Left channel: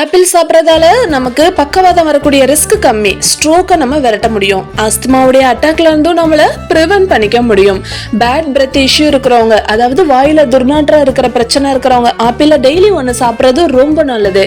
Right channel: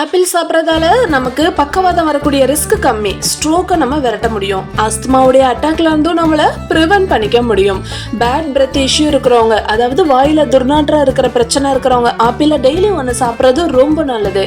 Apple சாப்பிட்றதால நமக்கு பக்கவாதம் வரக்கூடிய ரிஸ்க் கம்மி, ஸ்ட்ரோக்கை நம்ம விரட்ட முடியும், அஸ்துமாவுடைய அட்டாக்ல இருந்தும் நம்மளை ப்ரிவென்ட் பண்ணிக்க முடியும். பேட் பிரெத் இஷ்யூ இருக்கிறவங்க, அதாவது வாயில துர்நாற்றம் இருக்கிற பிரச்சனை இருக்கிறவங்க ஆப்பிள டெய்லி ஒன்று சாப்பிட்றது ரொம்ப நல்லது.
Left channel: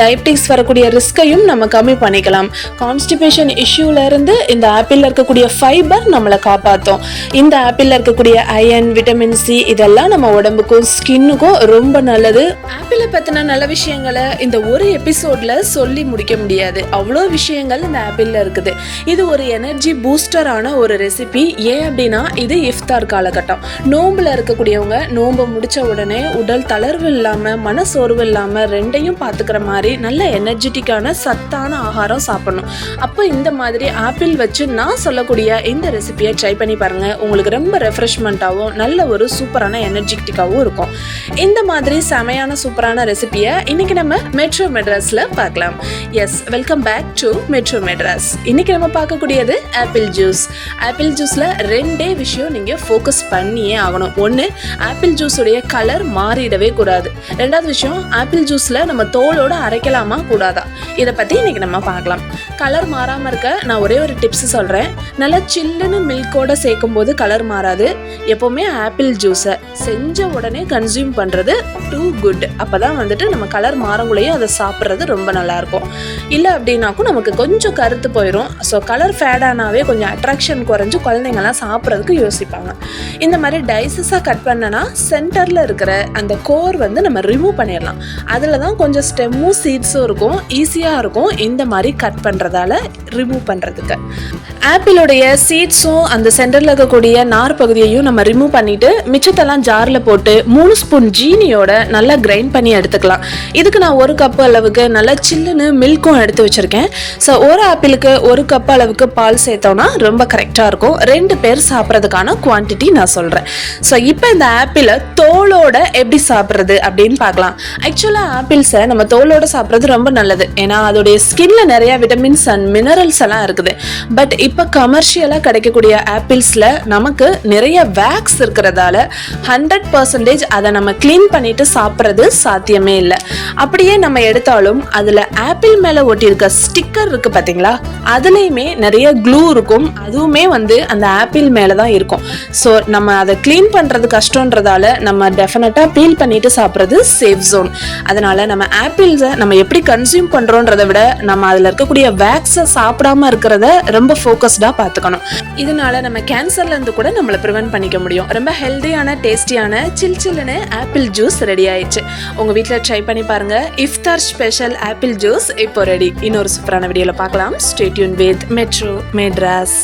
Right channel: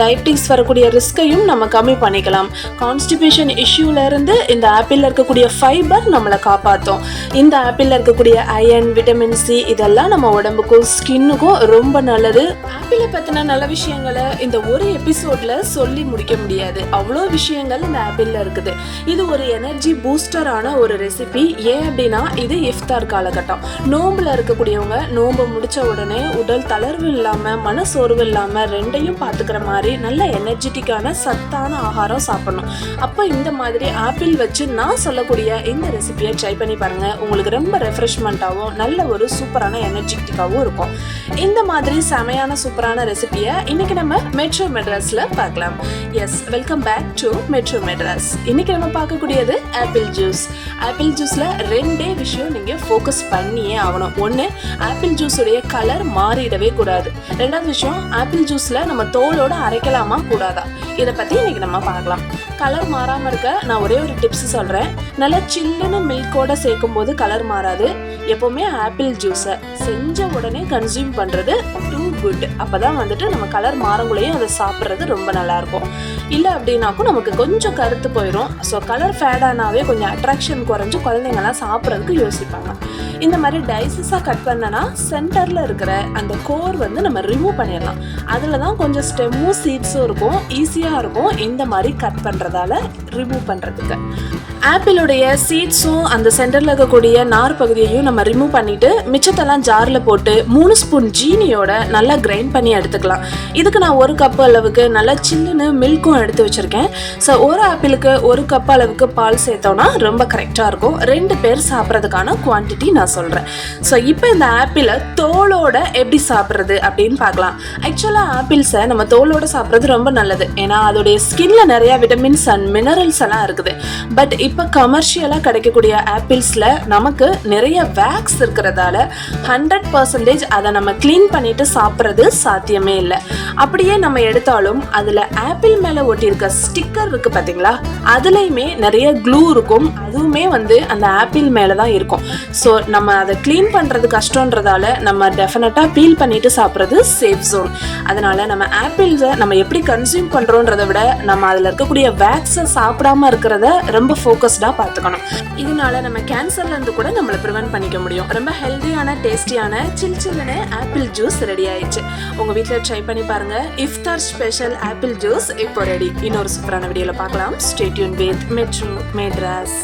டயபிட்டிக்ஸ் வரக்கூடிய ரிஸ்கையும் நம்ம கம்மி பண்ணிக்கலாம். கான்ஸ்டிபேஷன் இஷ்யூல இருந்து இந்த ஆப்பிள்ல இருக்கக்கூடிய ஃபைபர் நம்மளை காப்பாற்றும். இந்த ஆப்பிள்ல இருக்கக்கூடிய அயன், விட்டமின் சி இதெல்லாம் நம்ம உடம்புக்கும் ஸ்கின்னுக்கும் ரொம்ப நல்லது. ஆப்பிளை பத்தின நல்ல விஷயங்களை இந்த ஒரு எபிசோட்ல சொல்லி முடிக்க முடியாது. அவ்வளோ விஷயங்கள் இந்த ஆப்பிள்ல இருக்குது. இது ஒரு எனர்ஜி பூஸ்டரான ஒரு ரெசிபி. ஏன் அப்படின்னா இது இஃப்தார் காலகட்டம். நோம்புல இருக்கக்கூடியவங்க நோம்பு முடிச்ச உடனே உடல் தளர்வு இல்லாம மனசோர்வு இல்லாம ரெண்டையும் பார்த்துக்கிற மாதிரி நல்ல எனர்ஜெட்டிக்கான சத்தான ஆகாரம் சாப்பிடணும். அப்போ இந்த மாதிரி ஆப்பிள் வச்சு நான் சொல்லக்கூடிய இந்த ரெசிபியை ட்ரை பண்ணி பாருங்க. உங்களுக்கு ரொம்ப ரெஃப்ரெஷ்மெண்ட்டாகவும் நல்ல ஒரு சூப்பரான எனர்ஜெட்டிக்காகவும் இருக்கும். இந்த மாதிரி செமையான சூப்பரான ரெசிபியை இன்னைக்கு நம்ம மெட்ரோ மெட்ராஸ்ல பார்க்கலாம். Yes, welcome back to metro Madras. இன்னைக்கு நம்ம பார்க்கக்கூடியது ஆப்பிள் ஜூஸ். ஆப்பிள் ஜூஸ்ல ரெண்டே விஷயம் நீங்க ஃபோக்கஸ் பண்ணியே ஆகணும். ஒன்று, ஆப்பிள் ஜூஸ் உடைய கலர் மாறிடவே கூடாது. ரெண்டாவது விஷயம், ஆப்பிள் ஜூஸ்ல நம்ம தோலோட அரைக்கலாமா கூடாதா, இதை பத்தி இன்னைக்கு நம்ம பார்க்கலாம். கலர் மாறாம இருக்க நான் ஒரே ஒரு டிப்ஸ் சொல்றேன். நல்லா சில்லுன்னு மில்கோட சேர்க்கும் போது கலர் மாறாது. எப்பவுமே ஆப்பிள் ஜூஸை செஞ்ச உடனே கன்சியூம் பண்றது டூ குட். அப்பதான் வந்துட்டு நம்ம கலர் மாறங்குள்ளேயே அதை சாப்பிட்றது ரொம்ப நல்லா இருக்கும். இல்லை அப்படின்னாக்கும் நமக்கு கொஞ்சம் கருத்து போயிடும். ஸோ கலர் ஃபேட் ஆனாவே கொஞ்சம் அட்ராக்ஷன் குறைஞ்சு குழந்தைங்கலாம் சாப்பிட்றதுக்கு யோசிப்பாங்க. இந்த மாதிரி டைசஸாக கட் பண்ணனா சென்டரில் இருக்கிற அந்த கோர் வந்து நம்ம ரிமூவ் பண்ணிடலாம். அதில் தான் கொஞ்சம் ஸ்டெம்மும் சீட்ஸும் இருக்கும், ஈஸியாக இருக்கும் இந்த மாதிரி கட் பண்ணுறதால ரிமூவ் பண்ணுறதுக்கு. ஆப்பிளுடைய சீட்ஸும் அந்த சென்டரில் இருக்கக்கூடிய நார் பகுதியையும் நம்ம ரிமூவ் பண்ணிட்டு மிச்சத்தெல்லாம் ஜாரில் போட்டு 3 ஸ்பூன் ஜீனியோட நல்லா கிரைண்ட் பண்ணி எடுத்துக்கலாம். இதுக்கு நான் 1 கப் அளவுக்கு நல்லா சில்லுன்னு மில்க்கும் எடுத்து வச்சிருக்கேன். ஸோ ஒரு ஆப்பிளுக்கு 1 கப் அளவுக்கு பால் சேர்த்தோம்னா ரொம்ப கரெக்டாக இருக்கும். 2 பேர் சாப்பிட்றதுக்கான குவான்டிட்டி நான் சொல்கிறேன். ஸோ இப்போ இந்த ஆப்பிளை தோலோட எப்படி சாப்பிட்றது அப்படின்னு பார்க்கலாம். ஆக்சுவலாக ஆப்பிள்ஸை நம்ம தோலோட சாப்பிட்றது ரொம்ப நல்லது. ஏன்னா அதோடைய ஸ்கின்ல நிறைய விட்டமின்ஸ் அண்ட் மினரல்ஸ் எல்லாம் இருக்குது. பட் இப்போ கமர்ஷியலாக கிடைக்கக்கூடிய ஆப்பிள்ஸில் நமக்கு நிறைய வேக்ஸ் இருக்கிறதால 100% அதை நம்ம கிளீன் பண்ணிட்டு சாப்பிட்றது சாத்தியமே இல்லை. அப்படியே நம்ம எடுத்தாலும் அதில் ஆப்பிள் மேலே ஒட்டியிருக்க ஸ்டிக்கர் இருக்கு பார்த்தீங்களா, அதுலேயுமே நிறைய க்ளூ இருக்கும். அதுவுமே வந்து அந்த ஆப்பிள் மேலே தான் இருக்கும். ஸோ நம்ம அதை கிளீன் பண்ணுறது கஷ்டன்றதால நம்ம டெஃபினட்டாக பீல் பண்ணிட்டு சாப்பிட்றது சேஃப் ஜோன். அதனால நம்ம ஆப்பிள்ஸை நம்ம எப்படி கன்சியூம் பண்ணுறோன்றதை விட நம்ம அதில் இருக்கக்கூடிய வேக்ஸை சாப்பிடாம இருக்கிறத ரொம்ப ஃபோக்கஸ்டாக பார்த்துக்கணும். இதனால நம்ம கேன்சர்ல இருந்து கூட நம்மளை ப்ரிவென்ட் பண்ணிக்க முடியும். ரொம்ப ஹெல்தியான டேஸ்டியான சில்லுன்னு ஆப்பிள் ஜூஸ் ரெடி ஆயிடுச்சு. உங்க வீட்டில் ட்ரை பண்ணி பாருங்க. இஃப்தார் ஸ்பெஷல் ஆப்பிள் ஜூஸ் இப்போ ரெடி. இன்னொரு சூப்பரான வீடியோல பார்க்கலாம். Stay tune with metro Madras.